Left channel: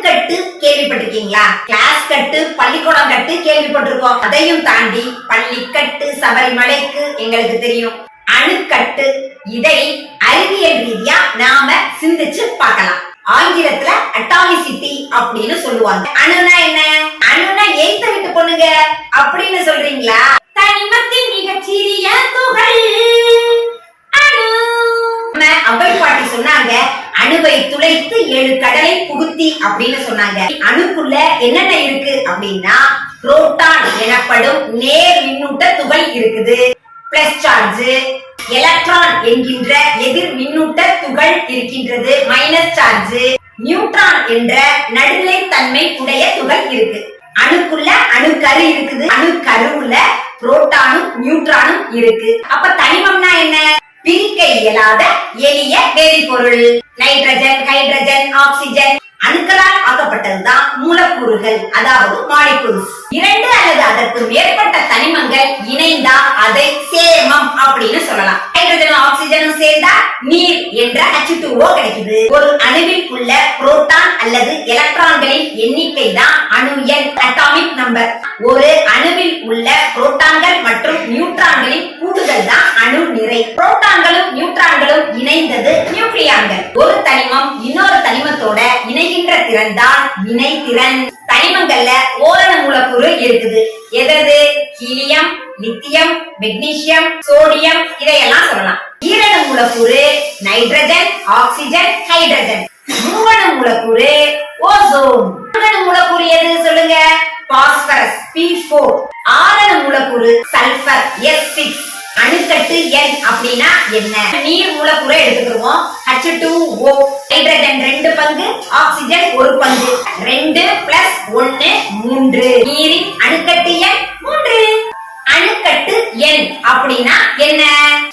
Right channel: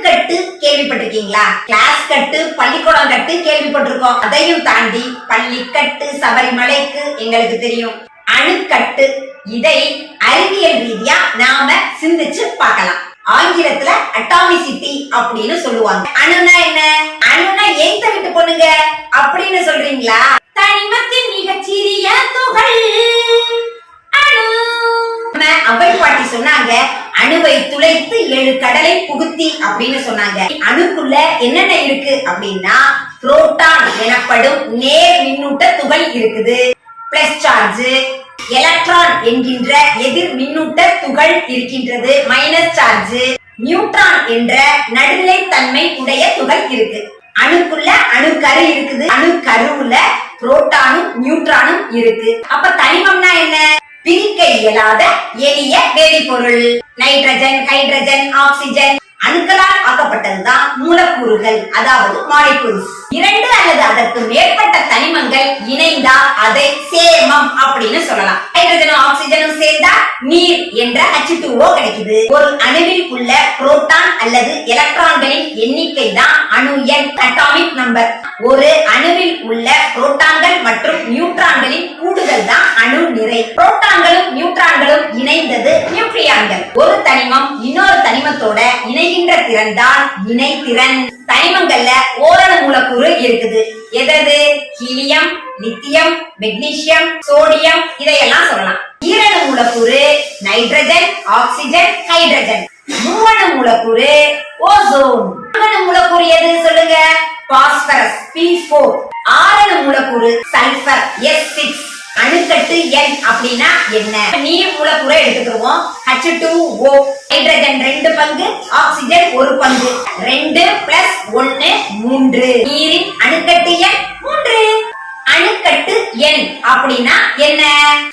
அணுக்கட்டு கேள்விப்பட்டிருக்கீங்களா? கிளாஸ் கட்டு, பள்ளிக்கூடம் கட்டு கேள்விப்பட்டிருக்கோம். அதையும் தாண்டி பள்ளிக்கட்டு, சபரிமலைக்கு எங்களுக்கு தெரியும். அணுக்கட்டு, இதை அறிவியல் ரீதியா நாம சிந்திச்சு பார்க்கலாம். ஆங்கிலத்துல அட்டாமிசிட்டி அப்படின்னு சொல்லுவாங்க. அணுனா என்ன? அணுனா எய்த்த விட்டு பொண்ணுங்க அப்படின்னு சொல்றீங்களா? தனிமத்தின் மிகச்சிறிய துகள் அணு. அவை பாட்டி சொன்னாங்க, அணுவை துளைத்து 7 கடலை புகுத்தி அப்படின்னு சொன்னாங்க. அணுக்குள்ள என்னென்ன இருக்கு அப்படின்னா, புரோட்டான் எனப்படும் நேர் மின்னூட்ட துகள் இருக்குது, பிளஸ் சார்ஜ். எலக்ட்ரான் என்கின்ற எதிர் மின்னூட்ட துகள் இருக்கின்றது, மைனஸ் சார்ஜ். நியூட்ரான் என்ற நடுநிலை தன்மை உடைய துகள் இருக்கு. அணுக்குள்ள அணுக்கரு இருக்குது, அணுக்கருவுல புரோட்டானும் நியூட்ரானும் இருக்கு. அப்ப தனிமம்னா என்ன? பிரிக்க இயலாத எளிய வேதிப்பொருள். நைட்ரஜன், ஹைட்ரஜன், ஆக்சிஜன் அணுக்களால் ஆக்கப்பட்டதுதான் மூலக்கூறுகள், அதாவது மாலிகூல்ஸ். 2 அல்லது அதற்கு மேற்பட்ட தனிமங்கள் இணைந்தா அதை சேர்மம் அப்படின்னு சொல்லலாம். ஹைட்ரஜனும் ஆக்சிஜனும் சேர்ந்தா நீர் என்ற H2O கிடைக்குது. ஒரு அணுவில் உள்ள புரோட்டான் அல்லது எலக்ட்ரான்களின் எண்ணிக்கை தான் அணு எண், அட்டாமிக் நம்பர். ஒரு அணுவில் உள்ள புரோட்டான்கள் மற்றும் நியூட்ரான்களின் கூடுதல் தான் அணு நிறை. புரோட்டான்களும் நியூட்ரான்களும் இணைந்தது நியூக்ளியான்கள். ஒரு தனிமம் இன்னொரு தனிமத்தோட இணைகின்ற திறன் தான் இணைதிறன். தனிமங்கள்ல ஓரணு மூலக்கூறு இருக்குது. எது? ஹீலியம், லித்தியம், மெக்னீசியம், சோடியம், இதையெல்லாம் சொல்லலாம். ஈரணு மூலக்கூறு நைட்ரஜன், ஆக்சிஜன், ஹைட்ரஜன். மூவணு மூலக்கூறு ஓசோன். நான்கணு மூலக்கூறு எது சொல்லுங்க? Phosphorus, P4. ஆறணு மூலக்கூறு சல்பர், S6. அணுக்கட்டு எண் அப்படின்னா என்ன? நீர் மூலக்கூறை எடுத்துக்கிறோம், H2O. ஹைட்ரஜன் 2 பங்கு, ஆக்சிஜன் 1 பங்கு. 2 பிளஸ் 1 3. நீரின் அணுக்கட்டு எண் 3. அணுக்கட்டு எண் அப்படின்னா என்ன?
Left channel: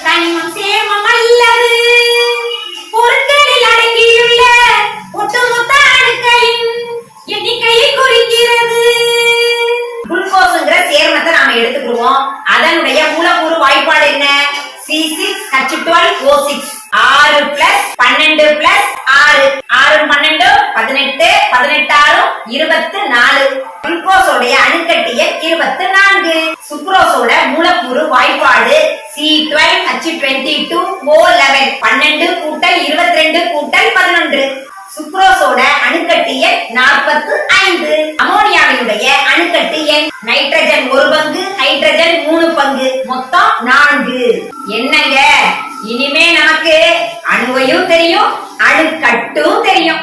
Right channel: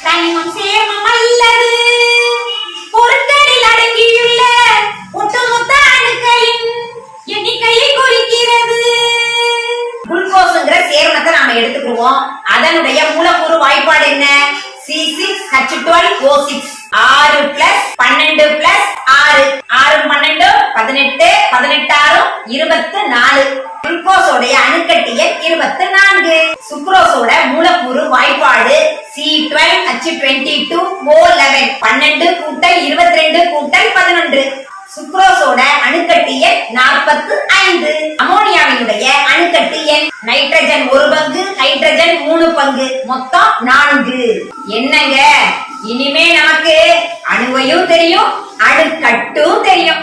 தனிமம் சேர்மம் அல்லது பொருட்களில் அடங்கியுள்ள ஒட்டுமொத்த அணுக்களின் எண்ணிக்கையை குறிக்கிறது. குளுக்கோஸ்ங்கிற சேர்மத்தை நாம எடுத்துக்கிறோம். அதனுடைய மூலக்கூறு வாய்ப்பாடு என்ன? C6H12O6. 6 plus 12 plus 6. 6 12 18, 18 24. குளுக்கோஸோட அணுக்கட்டு எண் 24. சுக்ரோஸோட மூலக்கூறு வாய்ப்பாடு C12H22O11. 12 கூட்டல் 22 கூட்டல் 11. சுக்ரோஸோட அணுக்கட்டு எண் 45. அமோனியாவினுடைய அணுக்கட்டு எண் நைட்ரஜன் 1 பங்கு, ஹைட்ரஜன் 3 பங்கு, மொத்தம் 4. என்னங்க, இனிமே நமக்கு அணுவையும் தெரியும், அணுக்கட்டும் தெரியும்.